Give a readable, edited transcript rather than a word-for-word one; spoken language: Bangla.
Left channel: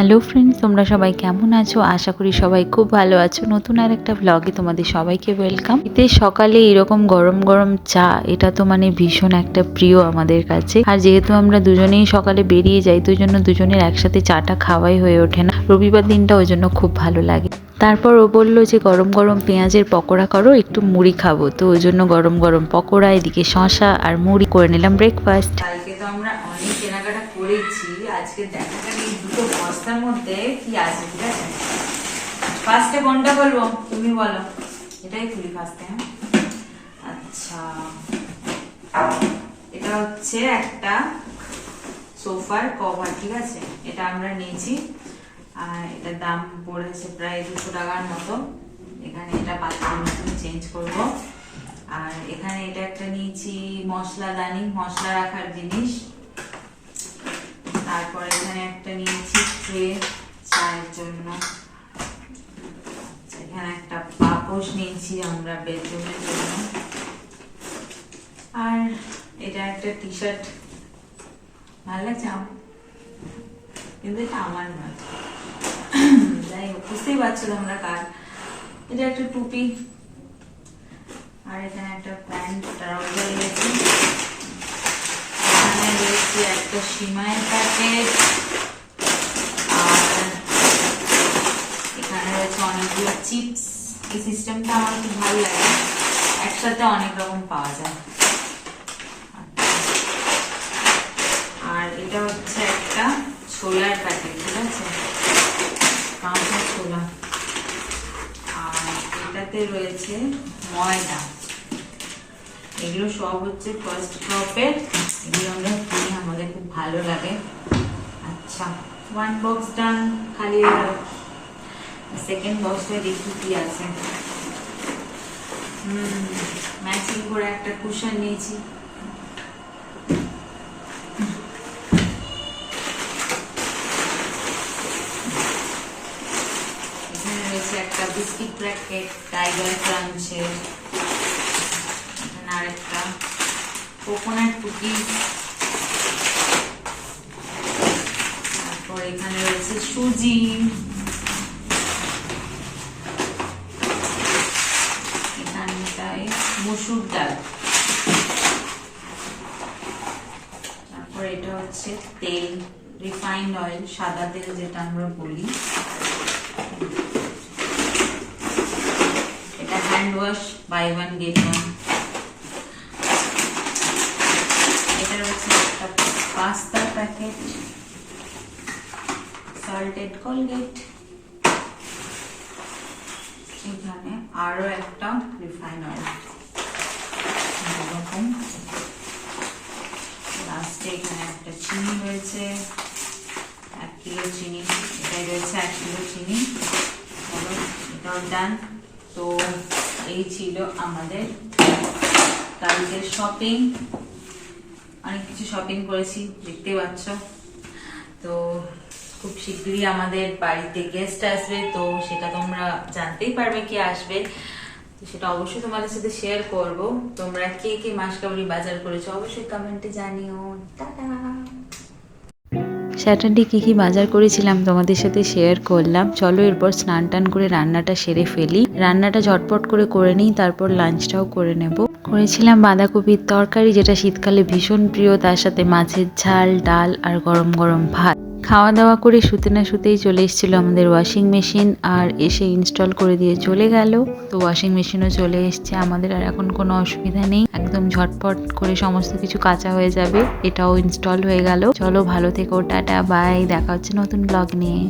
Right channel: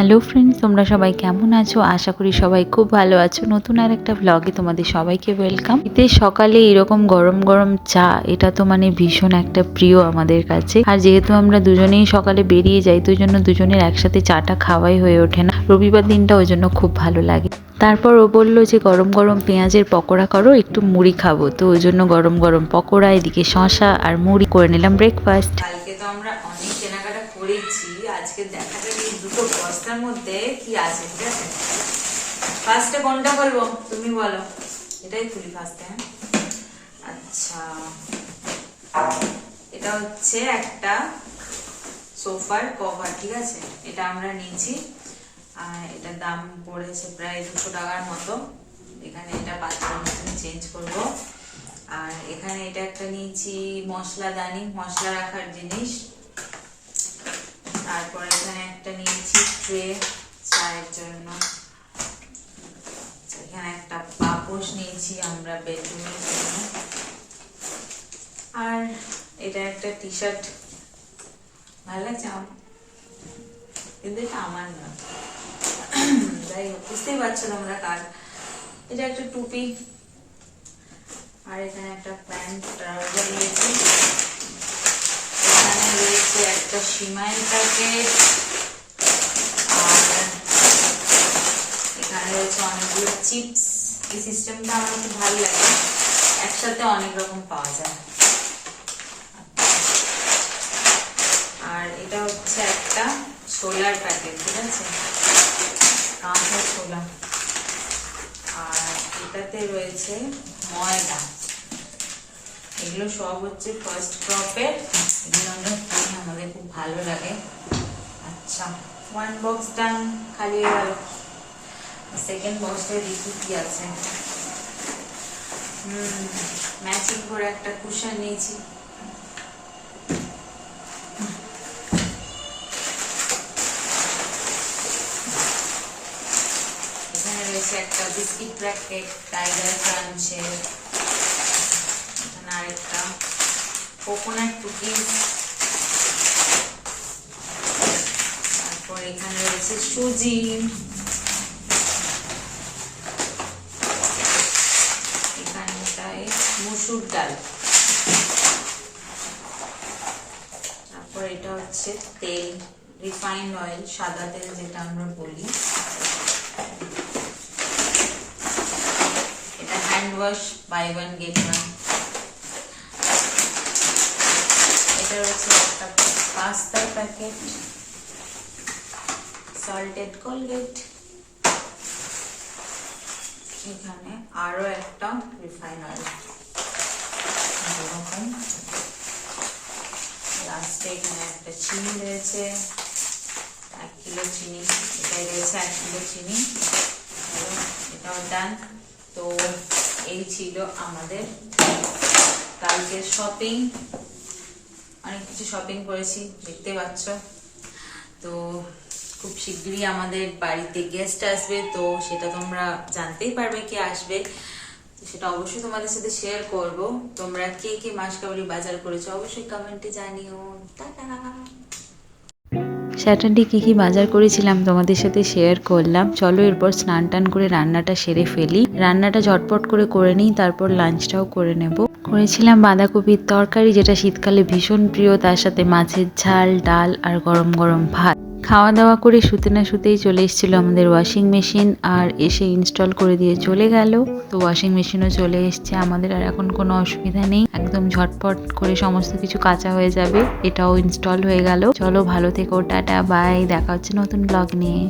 হ্যালো ফ্রেন্ডস, তোমরা সবাই কেমন আছো? আশা করি সবাই খুব ভালো আছো। নতুন আর একটা ব্লগে তোমাদের সবাইকে ওয়েলকাম। শীতের সকালে এরকম গরম গরম চা, এটা তো মানে ভীষণ একটা প্রিয় আমাদের কাছে। আর যেহেতু আমরা দুজনেই সকালে বেরিয়ে যাই, তো জন্য দুজনের একসাথে চাটা খাওয়াই হয়ে ওঠে না। রবিবার দিনটা ওই জন্য খুব ভালো লাগে। তারপর ও বললো যে গরম গরম পেঁয়াজের পকোড়া করো, একটু মুড়ি খাবো। তো ওই জন্য গরম গরম পকোড়া, এদিকে শশা আর মুড়ি করে নিলাম ব্রেকফাস্ট। কালকে তো আমরা অনেক কেনাকাটা করেছি। আজকে দেখা যাক এই দুটো বস্তার মধ্যে কি আছে। ঠিক আছে, ফার্স্টে কোনটা বলবো তুমি বলো? এটাই খুলি ফার্স্টে। হ্যাঁ, আচ্ছা, এটা হচ্ছে একটা সোফার কভার। ঠিক আছে, এটা আমরা নিয়েছি আর এটার দাম পড়েছে প্রায় 200 টাকার মতো। এখানে এটা বাথরুম চেঞ্জ করব। আর এখানে এটা একটা নিয়েছি মশলাদানি, মশলা রাখার জিনিস। তারপর এখানে একটা নিয়েছি ট্রে চায়ের জন্য। এখানে একটা পাপোশ নিয়েছি আমরা বেডরুমের জন্য। আর এটা একটা টি শার্ট, ভালো লাগছে আমার, কিন্তু এটা আমার নয়। যাই হোক, বুঝতেই পারছো তোমরা কার। এটা একটা টুপি। আর এখানে একটা প্যান্ট ট্রাউজার রয়েছে। এখানে রয়েছে একটা সিমাইয়ের প্যাকেট। আর এখানে রয়েছে অনেকগুলো চিপস। এই সিস্টেমটা আমার খুব ভালো লাগে, একসাথে অনেক রকম পাওয়া যায়। আর এটা হচ্ছে একটা ছোলার প্যাকেট। ঠিক আছে, কাঁচা ছোলা। আর এটাতে রয়েছে ময়দা। এগুলো সব হচ্ছে ফার্স্ট ক্রপের। এগুলো আমরা কিনি, আমাদের খুব ভালো লাগে। আচ্ছা, ওয়ান বক্স ডান, খালি সেকেন্ড বক্সে দেখি কি আছে। ম্যাচিং করে একটা কুশন নিয়েছি। এখানে রয়েছে একটা বিস্কিট প্যাকেট টাইগার ক্রাঞ্চের। আর একটা কোকোনাট কুকিজ। তারপর এখানে রয়েছে সুজি। এখানটায় মসুর ডাল। তারপর এটা হচ্ছে তেল, রিফাইন্ড অয়েল, সাদা তেল যেটা আমরা বলি। এটা hand wash, buy one get one. এটা রয়েছে একটা পাস্তার প্যাকেট, সল্টেড কোলগেট। এখানে আরো একটা রিফাইন অয়েল। এরকম লাস্টে এখানে একটা চিনি রয়েছে, 1 কিলো চিনি। এটাই রয়েছে 1 কিলো চিনি। এটাও ডান। তো এই ছিল আমাদের কালকের শপিং। অনেক কিছু শপিং করেছি, দেখতে পাচ্ছ। তো খুব শীঘ্রই আমাদের বাড়িতে গেস্ট আসবে, তো সেটা তোমরা জানতেই পারবে কে আসবে। তো সেটা অবশ্যই তোমাদের সাথে শেয়ার করব। তোমরা কে কে মাসকাবাড়ি বাজার করেছো অবশ্যই কমেন্টে জানিও। টাটা। স্যাটারডে কী কী বাজার করেছিলাম তোমাদের সাথে শেয়ার করলাম। চলো এরপর স্নান টান করে রান্নাটা সেরে ফেলি। রান্নাটা ঝটপট করে নিই, তারপর লাঞ্চটাও করে নেব। করেছিলাম বাঁধাকপির তরকারি, যেটা শীতকালে ভীষণ প্রিয়। তার সাথে মাছের ঝাল, ডাল আর গরম গরম ভাত। খাওয়া দাওয়া করে শুতে না শুতেই চলে এসেছিলো আমাদের ওয়াশিং মেশিন, আর এসে ইনস্টল করে দিয়ে চলে গেল। তো ওয়াশিং মেশিনও চলে এসছে আমাদের, আর এখন কোনো অসুবিধা নেই। একদম ঝটপট করে সমস্ত কিছু কাঁচা হয়ে যাবে। এটাও ইনস্টল হয়ে গেল। চলো ভালো থেকো, টাটা বাই, দেখা হচ্ছে নতুন ব্লগ নিয়ে।